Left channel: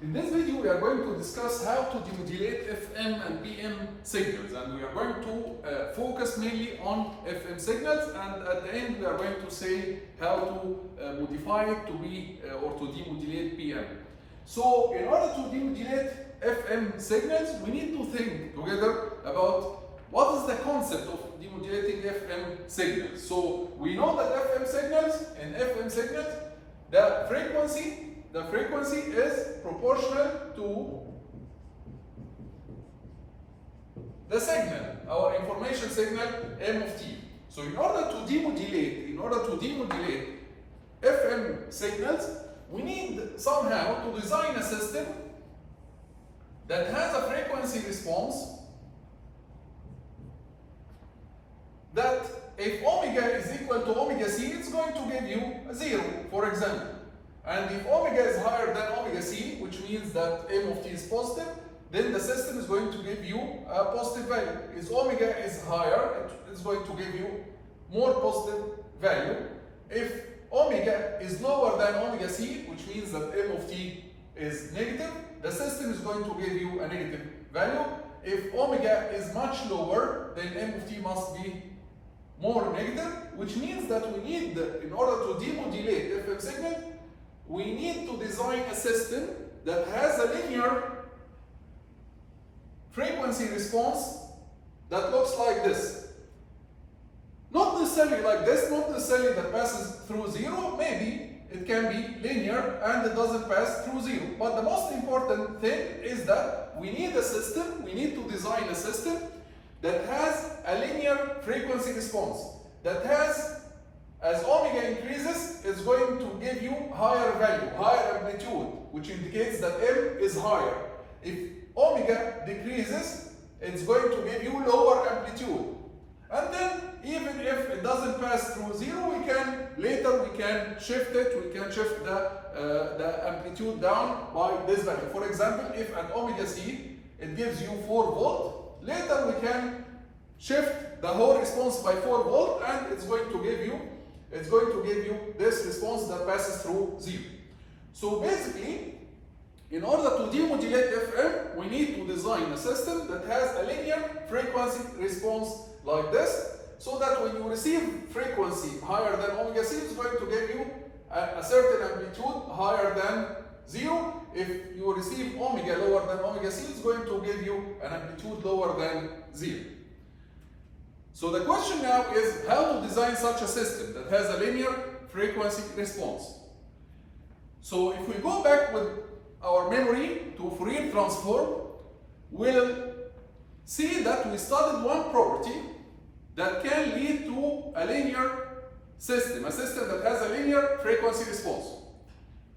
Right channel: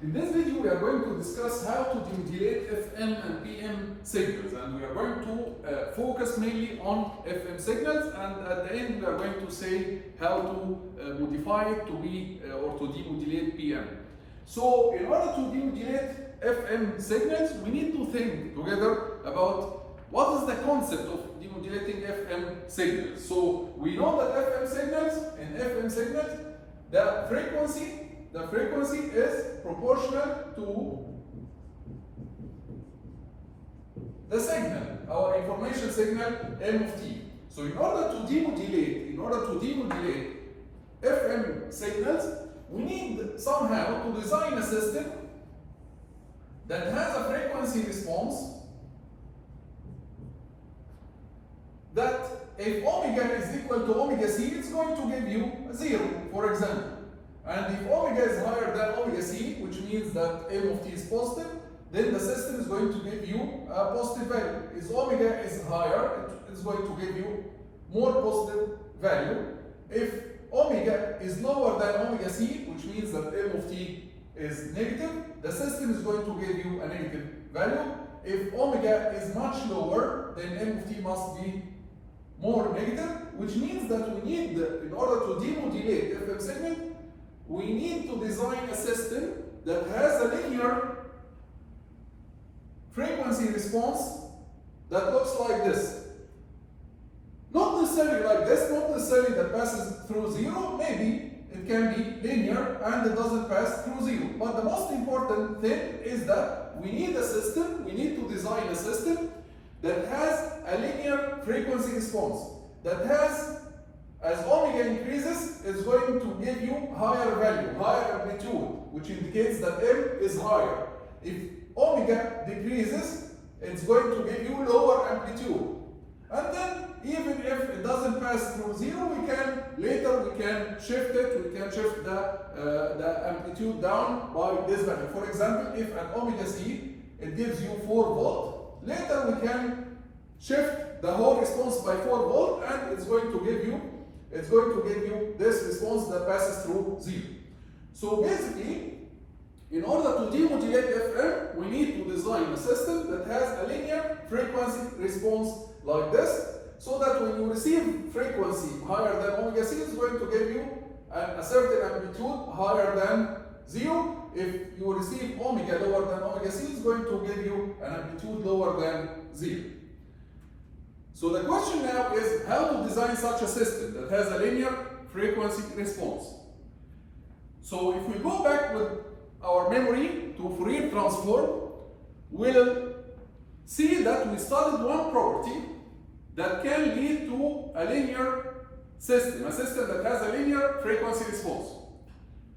In this video, we are going to discuss how to demodulate FM and PM signals, and we are going to focus mainly on FM signals, and at the end we are going to say how to modify it to be or to demodulate PM. So in order to demodulate FM signals, we need to think together about what is the concept of demodulating FM signals. So we know that FM signals, the frequency is proportional to the signal, our information signal M of t. So in order to demodulate FM signals, we need somehow to design a system that has a frequency response that if omega is equal to omega c, it's going to give you a 0, for example. And if omega is higher than omega c, which means that M of t is positive, then the system is going to give you a positive value. If omega is higher, it's going to give you more positive value. If omega is lower than omega c, which means that M of t is negative, the system is going to give you a negative value. If omega is much lower, then M of t must be more negative, which means that we need, in order to demodulate FM signal, we need to design a system that has a linear frequency response that looks like this. Not necessarily like this, not necessarily that passes through 0, maybe it can be linear and it doesn't pass through 0. But the most important thing is that we need a system, we need to design a system that has a linear frequency response, that has, as omega increases, it's going to give you higher value, higher amplitude, which indicates that M is higher. If omega decreases, it's going to give you lower amplitude. And then, even if it doesn't pass through 0, we can shift it, we can shift the amplitude down by this value. For example, if at omega c, it gives you 4 volt, later we can shift the whole response by 4 volt, and it's going to give you this response that passes through 0. So basically, in order to demodulate FM, we need to design a system that has a linear frequency response like this, so that when you receive frequency higher than omega c, it's going to give you a certain amplitude higher than 0. If you receive omega lower than omega c, it's going to give you an amplitude lower than 0. So the question now is how to design such a system that has a linear frequency response. So if we go back with our memory to Fourier transform, we'll see that we studied one property that can lead to a linear system, a system that has a linear frequency response.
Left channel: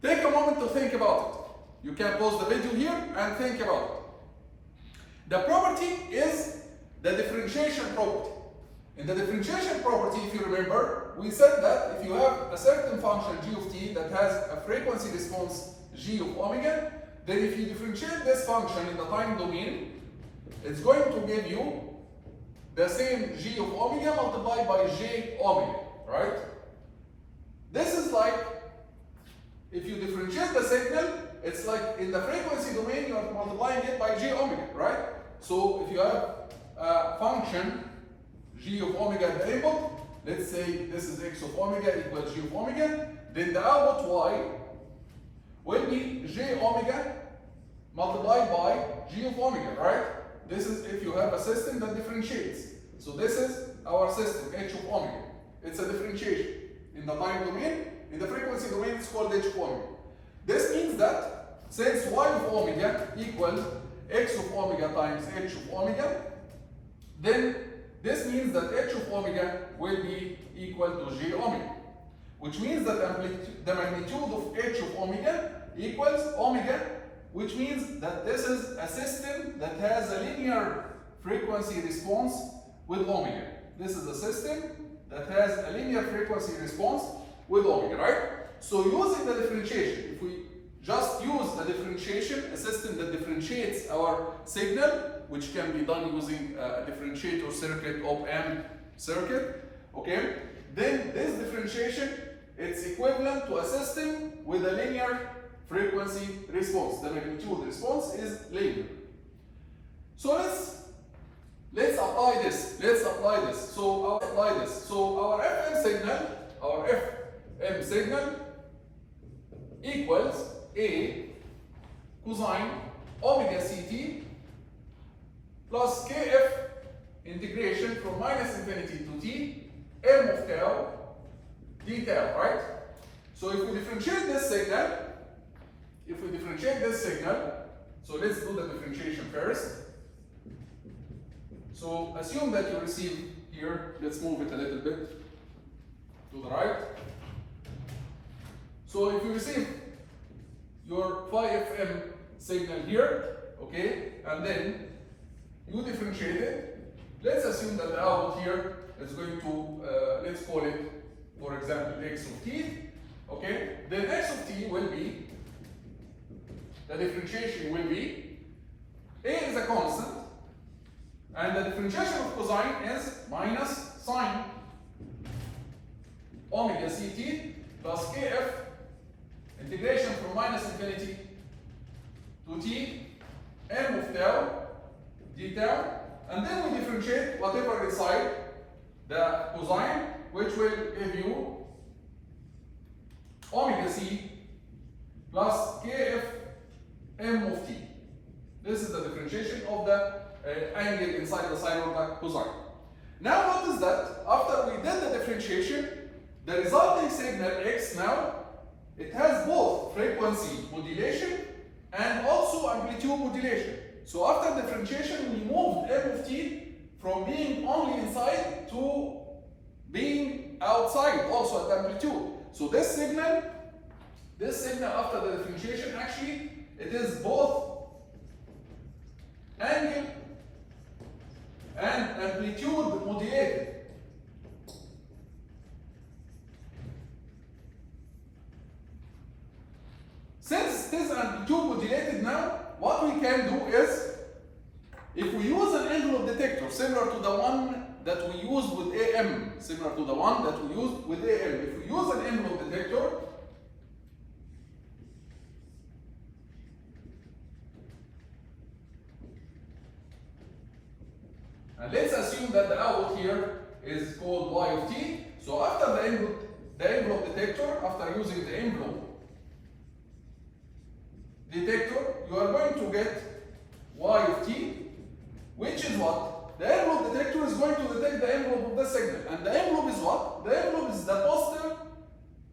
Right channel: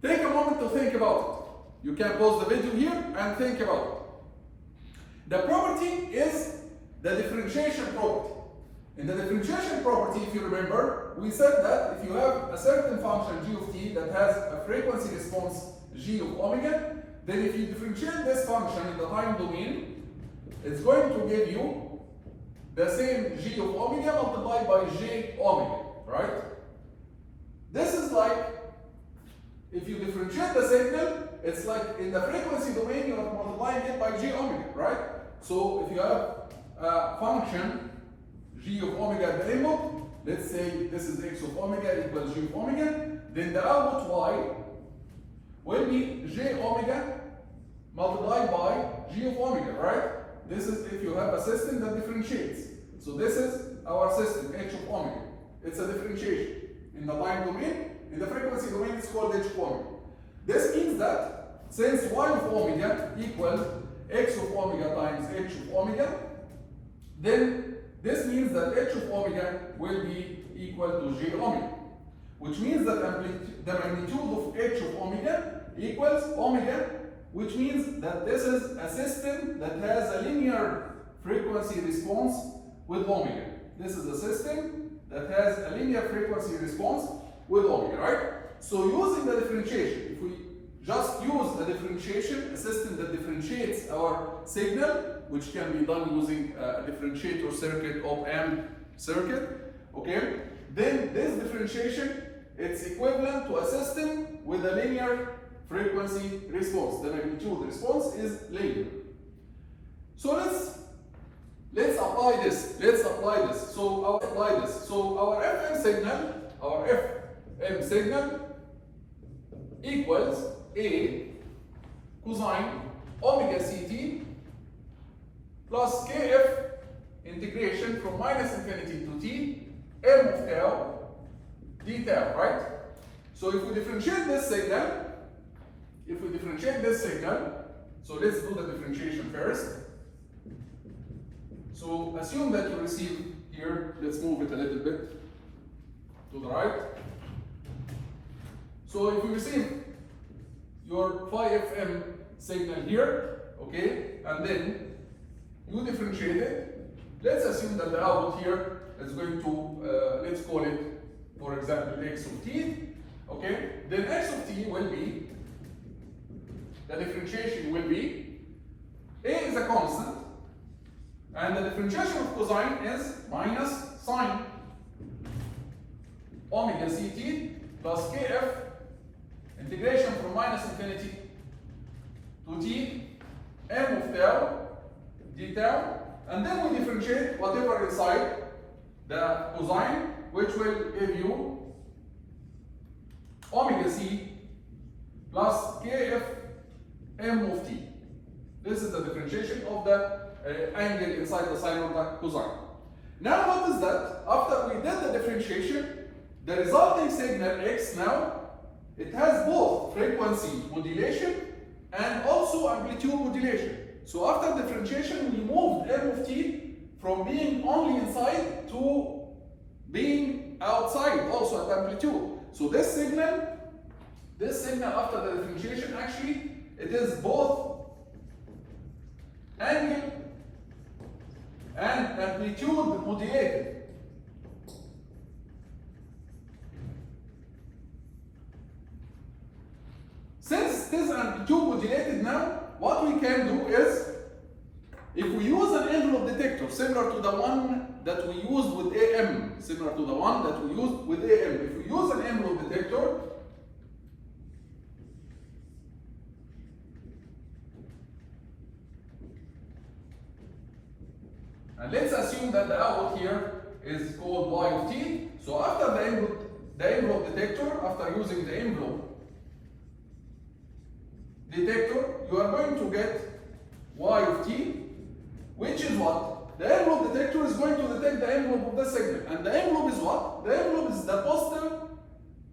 Take a moment to think about it. You can pause the video here and think about it. The property is the differentiation property. In the differentiation property, if you remember, we said that if you have a certain function g of t that has a frequency response g of omega, then if you differentiate this function in the time domain, it's going to give you the same g of omega multiplied by j omega, right? This is like, if you differentiate the signal, it's like in the frequency domain, you're multiplying it by j omega, right? So if you have a function g of omega at the input, let's say this is x of omega equals g of omega, then the output y will be j omega multiplied by g of omega, right? This is if you have a system that differentiates. So this is our system, h of omega. It's a differentiation. In the time domain, in the frequency domain, it's called h of omega. This means that since y of omega equals x of omega times h of omega, then this means that h of omega will be equal to j omega, which means that the magnitude of h of omega equals omega, which means that this is a system that has a linear frequency response with omega. This is a system that has a linear frequency response with omega, right? So using the differentiation, if we just use the differentiation, a system that differentiates our signal, which can be done using a differentiator circuit, op-amp circuit, okay? Then this differentiation, it's equivalent to a system with a linear frequency response. The magnitude response is linear. So let's apply this. So our FM signal equals A cosine omega ct plus kf integration from minus infinity to t m of tau d tau, right? So if we differentiate this signal, so let's do the differentiation first. So assume that you receive here, let's move it a little bit to the right. So if you receive your phi FM signal here, okay, and then you differentiate it, let's assume that the output here is going to, let's call it, for example, x of t, okay, then x of t will be, the differentiation will be, A is a constant, and the differentiation of cosine is minus sine omega ct plus kf integration from minus infinity to t m of tau d tau, and then we differentiate whatever inside the cosine, which will give you omega c plus kf m of t. This is the differentiation of the angle inside the sine of the cosine. Now what is that? After we did the differentiation, the resulting signal x now, it has both frequency modulation and also amplitude modulation. So after differentiation, we moved m of t from being only inside to being outside also at amplitude. So this signal after the differentiation, actually it is both angle and amplitude modulated. Since it is amplitude modulated now, what we can do is, if we use an envelope detector similar to the one that we used with AM, if we use an envelope detector, and let's assume that the output here is called y of t. So after the envelope detector, after using the envelope detector, you are going to get y of t, which is what? The envelope detector is going to detect the envelope of the signal. And the envelope is what? The envelope is the positive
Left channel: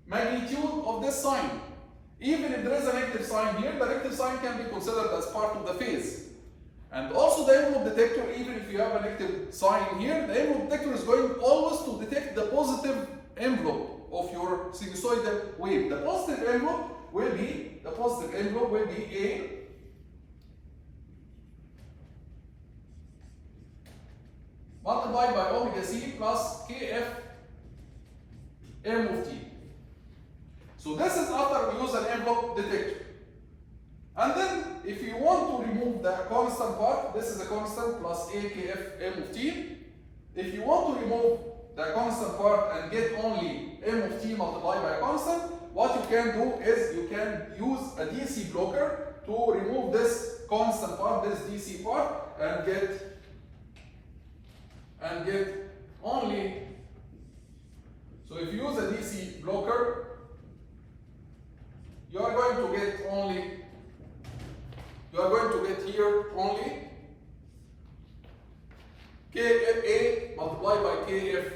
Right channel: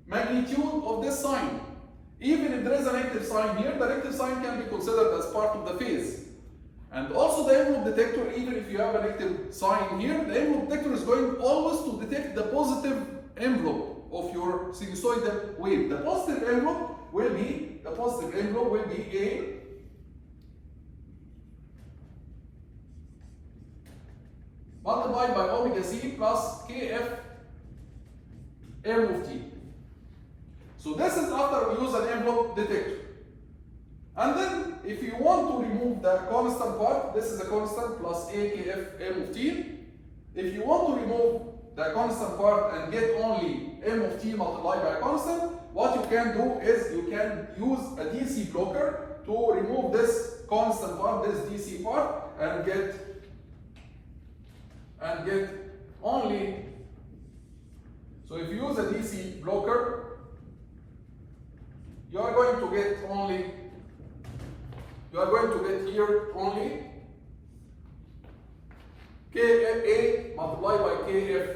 magnitude of this sign. Even if there is a negative sign here, the negative sign can be considered as part of the phase. And also the envelope detector, even if you have a negative sign here, the envelope detector is going always to detect the positive envelope of your sinusoidal wave. The positive envelope will be A multiplied by omega c plus kf m of t. So this is after we use an envelope detector. And then if you want to remove the constant part, this is a constant plus a kf m of t. If you want to remove the constant part and get only m of t multiplied by a constant, what you can do is you can use a DC blocker to remove this constant part, this DC part, and get only. So if you use a DC blocker, you are going to get only. You are going to get here only KFA multiplied by KF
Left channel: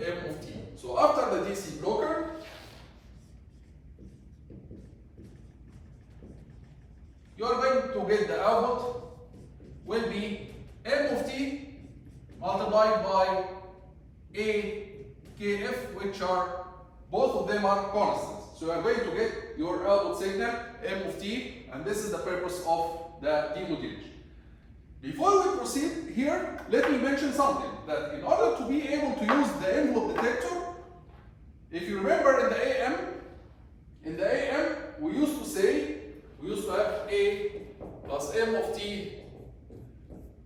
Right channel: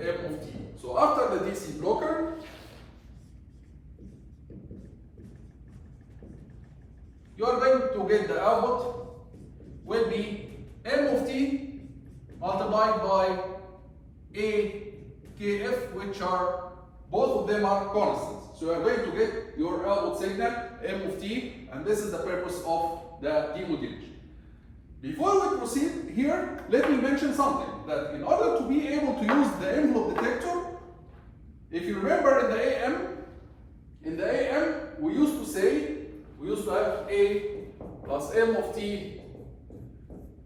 M of t. So after the DC blocker, you are going to get the output will be M of t multiplied by A KF, which are both of them are constants. So you are going to get your output signal M of t, and this is the purpose of the demodulation. Before we proceed here, let me mention something, that in order to be able to use the envelope detector, if you remember in the AM, we used to have A plus M of t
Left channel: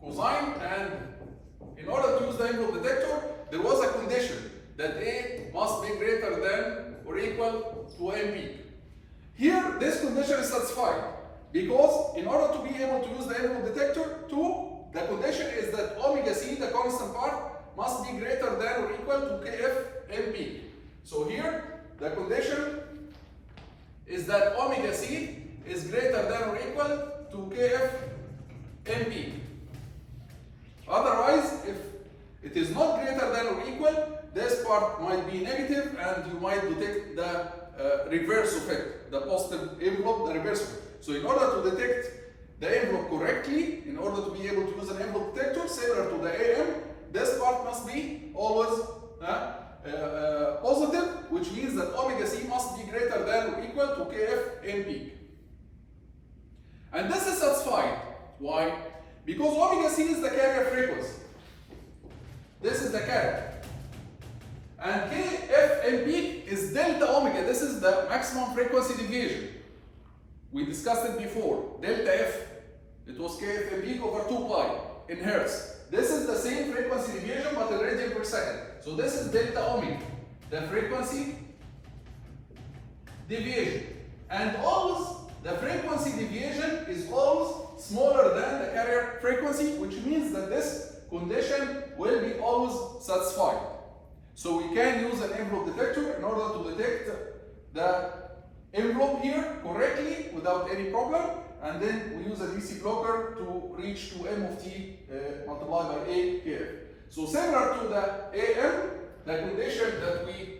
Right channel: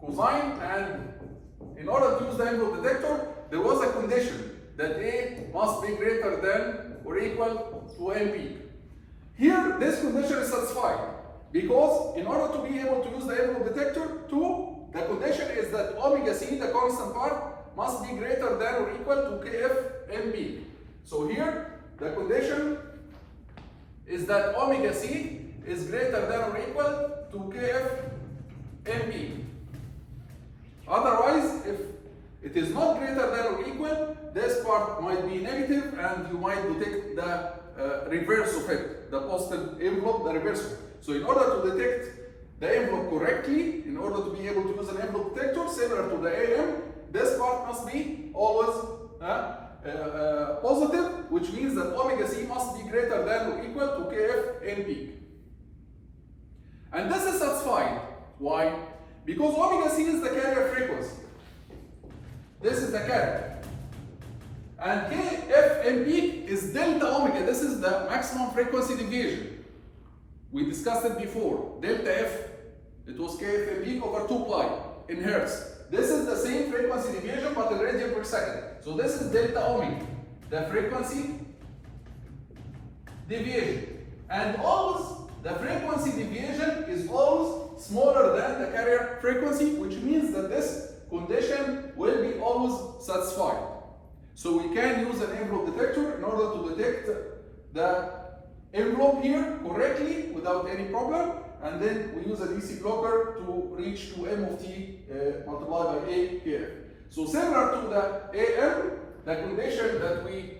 cosine, and in order to use the envelope detector, there was a condition that A must be greater than or equal to M peak. Here, this condition is satisfied because in order to be able to use the envelope detector, the condition is that omega c, the constant part, must be greater than or equal to kf m peak. So here, the condition is that omega c is greater than or equal to kf m peak. Otherwise, if it is not greater than or equal, this part might be negative and you might detect the reverse of it, the positive envelope, the reverse of it. So in order to detect the envelope correctly, in order to be able to use an envelope detector similar to the AM, this part must be always positive, which means that omega c must be greater than or equal to kf n peak. And this is satisfied. Why? Because omega c is the carrier frequency. This is the carrier. And kf m peak is delta omega. This is the maximum frequency deviation. We discussed it before. Delta f, it was kf m peak over 2 pi in hertz. This is the same frequency deviation but in radian per second. So this is delta omega, the frequency deviation. And always the frequency deviation is always smaller than the carrier frequency, which means that this condition will be always satisfied. So we can use an envelope detector in order to detect the envelope here correctly without any problem, and then we use a DC blocker to reach to m of t multiplied by a kf. So similar to the AM, the condition that we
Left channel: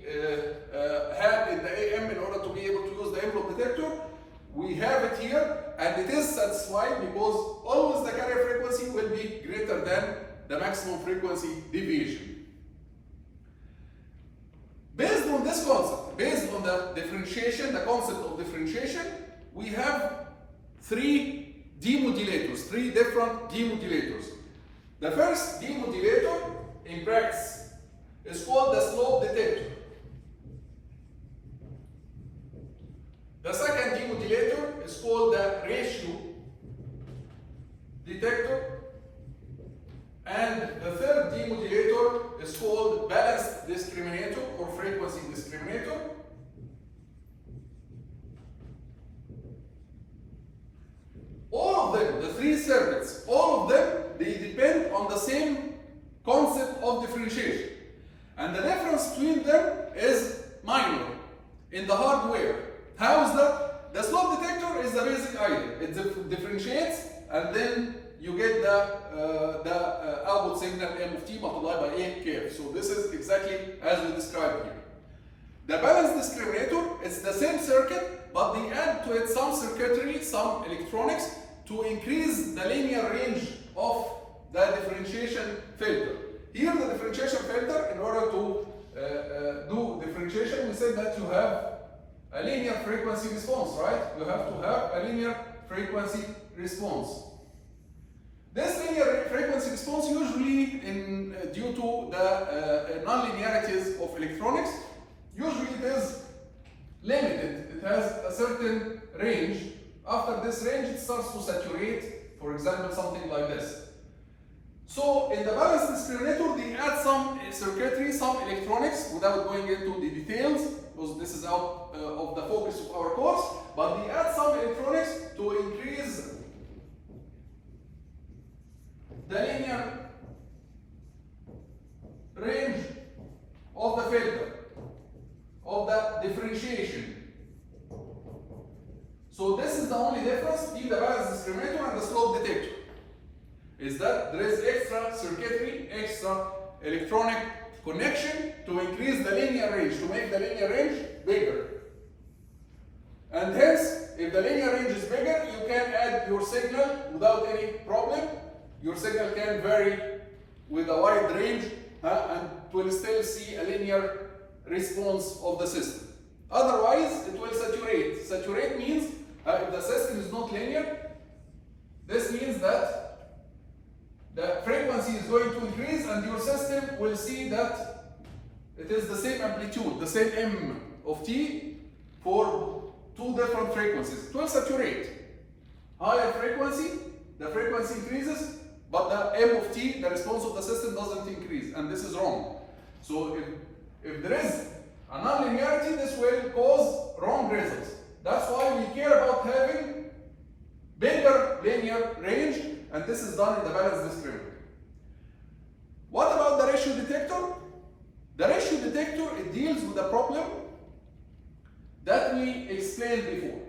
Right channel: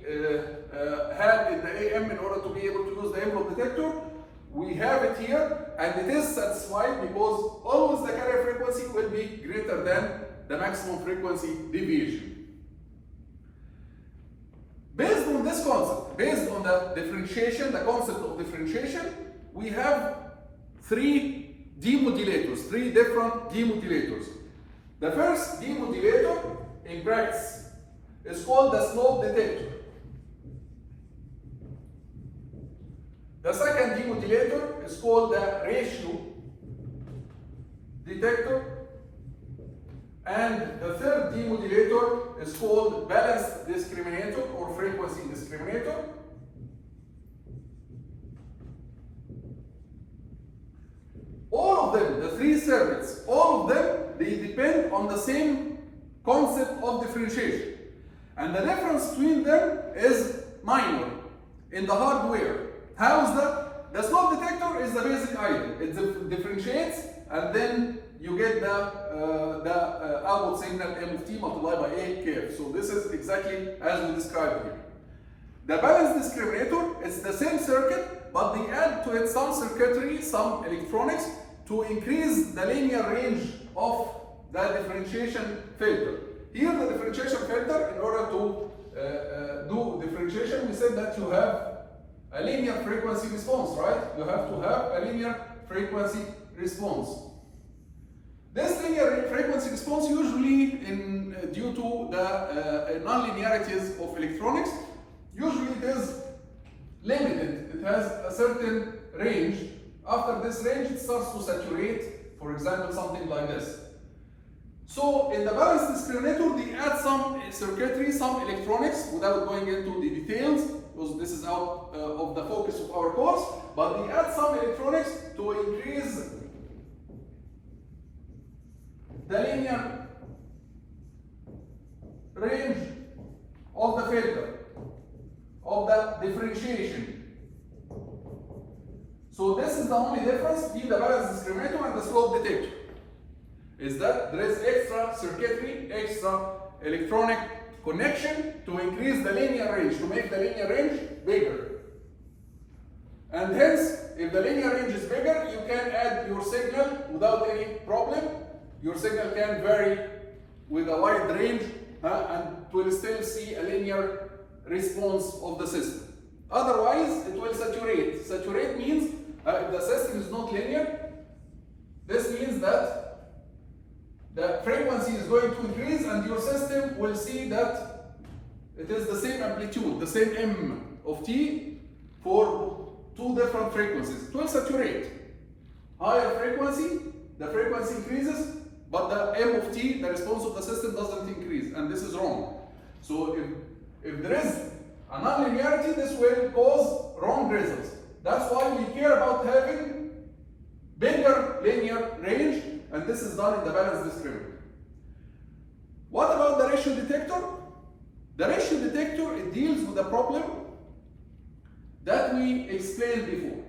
had in the AM in order to be able to use the envelope detector, we have it here, and it is satisfied because always the carrier frequency will be greater than the maximum frequency deviation. Based on this concept, based on the differentiation, the concept of differentiation, we have three demodulators, three different demodulators. The first demodulator in practice is called the slope detector. The second demodulator is called the ratio detector. And the third demodulator is called balanced discriminator or frequency discriminator. All of them, the three circuits, all of them, they depend on the same concept of differentiation. And the difference between them is minor in the hardware. How is that? The slope detector is the basic idea. It differentiates and then you get the output signal m of t multiplied by a kf. So this is exactly as we described here. The balanced discriminator is the same circuit, but they add to it some circuitry, some electronics to increase the linear range of the differentiation filter. Here the differentiation filter, in order to do differentiation, we said that you have a linear frequency response, right? You have to have a linear frequency response. This linear frequency response usually due to the non-linearities of electronics, usually it is limited. It has a certain range. After this range, it starts to saturate, for example, something like this. So in the balanced discriminator, they add some circuitry, some electronics, without going into the details, because this is out of the focus of our course, but they add some electronics to increase the linear range of the filter, of the differentiation. So this is the only difference between the balanced discriminator and the slope detector, is that there is extra circuitry, extra electronic connection to increase the linear range, to make the linear range bigger. And hence, if the linear range is bigger, you can add your signal without any problem. Your signal can vary with a wide range and will still see a linear response of the system. Otherwise, it will saturate. Saturate means if the system is not linear, this means that the frequency is going to increase and your system will see that it is the same amplitude, the same m of t for two different frequencies. It will saturate. Higher frequency, the frequency increases, but the m of t, the response of the system, doesn't increase, and this is wrong. So if there is a nonlinearity, this will cause wrong results. That's why we care about having bigger linear range, and this is done in the balance discriminator. What about the ratio detector? The ratio detector, it deals with a problem that we explained before.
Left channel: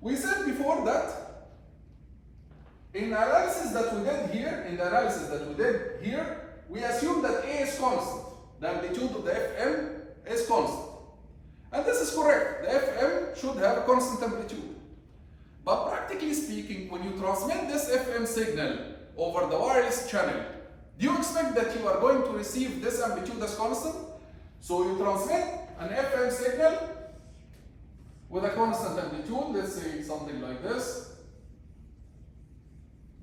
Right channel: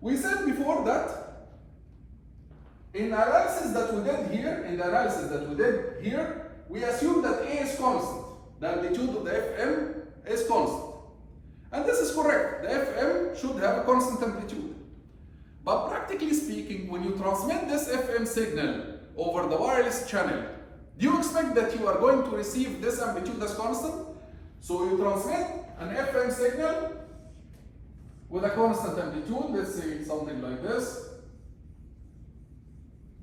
We said before that in the analysis that we did here, we assumed that A is constant. The amplitude of the FM is constant. And this is correct. The FM should have a constant amplitude. But practically speaking, when you transmit this FM signal over the wireless channel, do you expect that you are going to receive this amplitude as constant? So you transmit an FM signal with a constant amplitude, let's say something like this.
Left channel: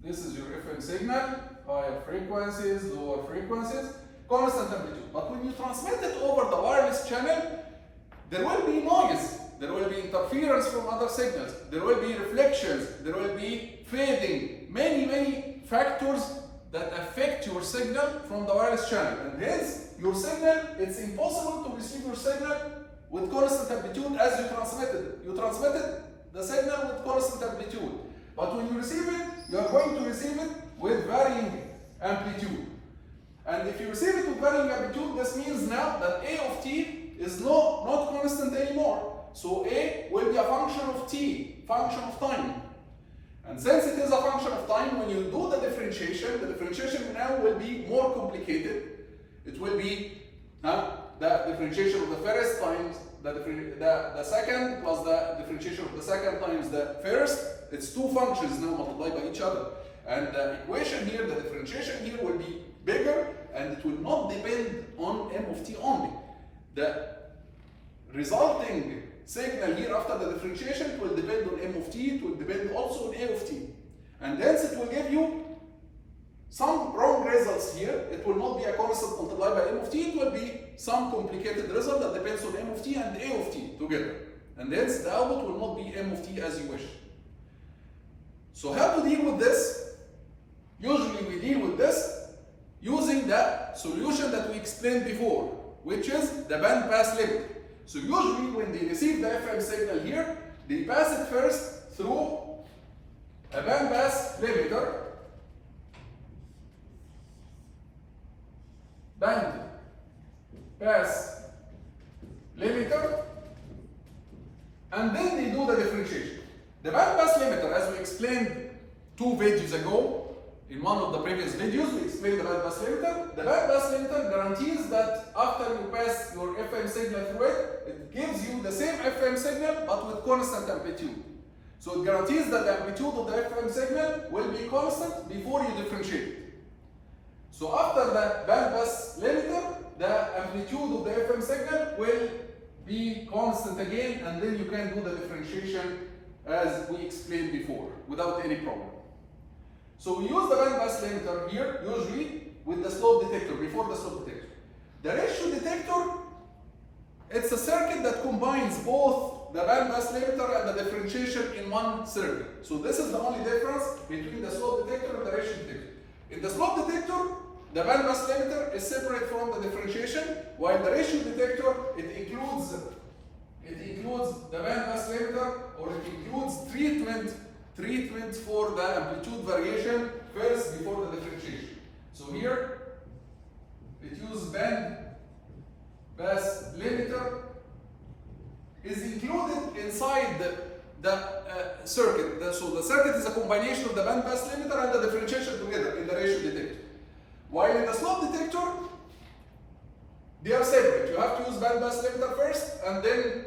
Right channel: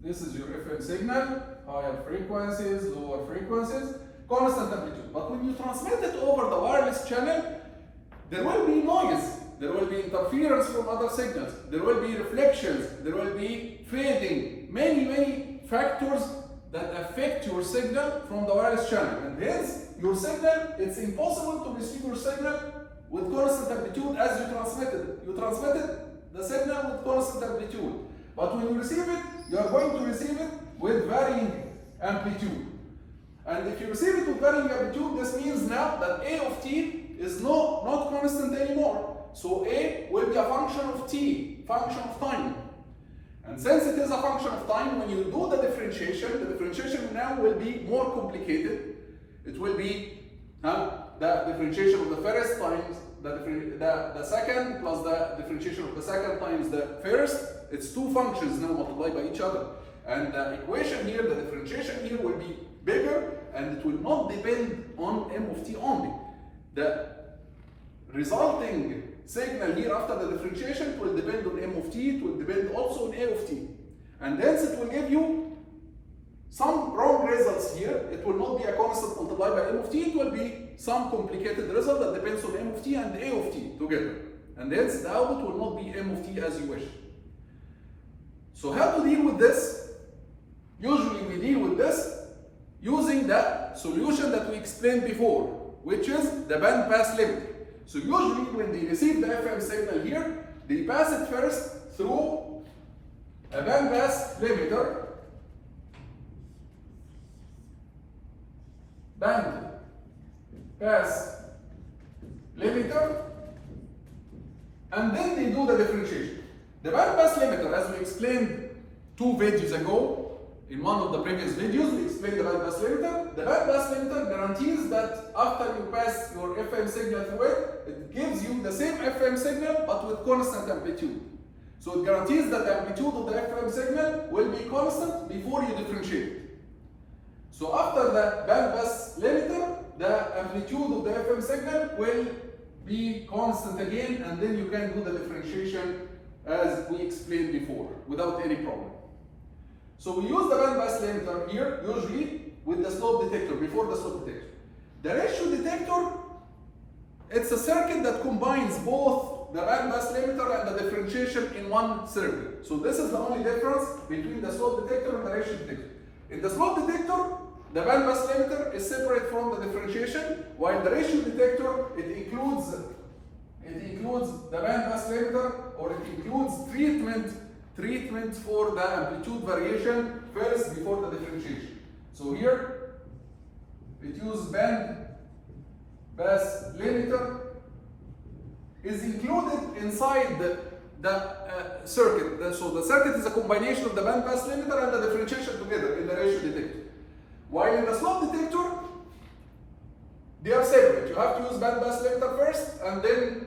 This is your FM signal, higher frequencies, lower frequencies, constant amplitude. But when you transmit it over the wireless channel, there will be noise, there will be interference from other signals, there will be reflections, there will be fading, many factors that affect your signal from the wireless channel. And hence, your signal, it's impossible to receive your signal with constant amplitude as you transmitted. You transmitted the signal with constant amplitude. But when you receive it, you are going to receive it with varying amplitude. And if you receive it with varying amplitude, this means now that A of t is not constant anymore. So A will be a function of t, function of time. And since it is a function of time, when you do the differentiation now will be more complicated. It will be the differentiation of the first times the second plus the differentiation of the second times the first. It's two functions now multiplied by each other. And the equation here, the differentiation here will be bigger, and it will not depend on m of t only. The resulting signal here after the differentiation will depend on m of t, it will depend also on a of t. And hence it will give you some wrong results here. It will not be a constant multiplied by m of t, it will be some complicated result that depends on m of t and a of t together. And hence the output will not be m of t as you wish. So how to deal with this? Usually we deal with this using the solution that we explained before, which is the band pass limit. So usually when they receive the FM signal here, they pass it first through a band pass limiter, band pass limiter, and then they do the differentiation. The band pass limiter, as we explained 2 videos ago, in one of the previous videos, we explained the band pass limiter. The band pass limiter guarantees that after you pass your FM signal through it, it gives you the same FM signal but with constant amplitude. So it guarantees that the amplitude of the FM signal will be constant before you differentiate. So after the band pass limiter, the amplitude of the FM signal will be constant again, and then you can do the differentiation as we explained before without any problem. So we use the band pass limiter here usually with the slope detector, before the slope detector. The ratio detector, it's a circuit that combines both the band pass limiter and the differentiation in one circuit. So this is the only difference between the slope detector and the ratio detector. In the slope detector, the band pass limiter is separate from the differentiation, while the ratio detector, it includes the band pass limiter, or it includes treatment for the amplitude variation first before the differentiation. So here it uses band pass limiter is included inside the circuit. So the circuit is a combination of the band pass limiter and the differentiation together in the ratio detector. While in the slope detector, they are separate. You have to use band pass limiter first and then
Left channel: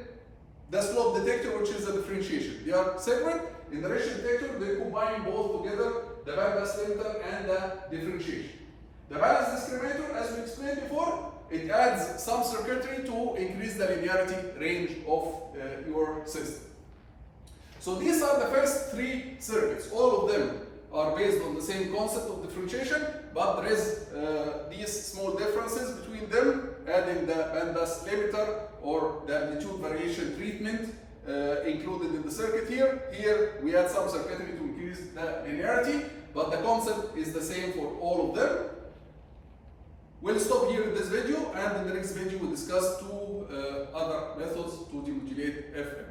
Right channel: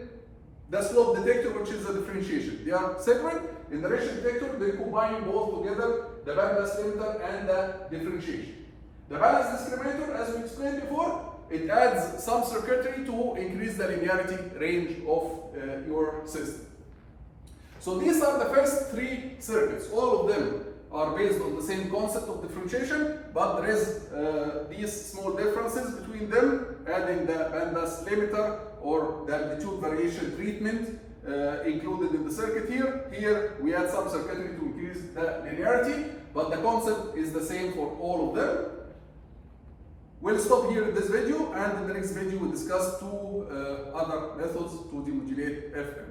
the slope detector, which is the differentiation. They are separate. In the ratio detector, they combine both together, the band pass limiter and the differentiation. The balance discriminator, as we explained before, it adds some circuitry to increase the linearity range of your system. So these are the first 3 circuits. All of them are based on the same concept of differentiation, but there is these small differences between them, adding the band pass limiter or the amplitude variation treatment included in the circuit here. Here we add some circuitry to increase the linearity, but the concept is the same for all of them. We'll stop here in this video, and in the next video we'll discuss 2 other methods to demodulate FM.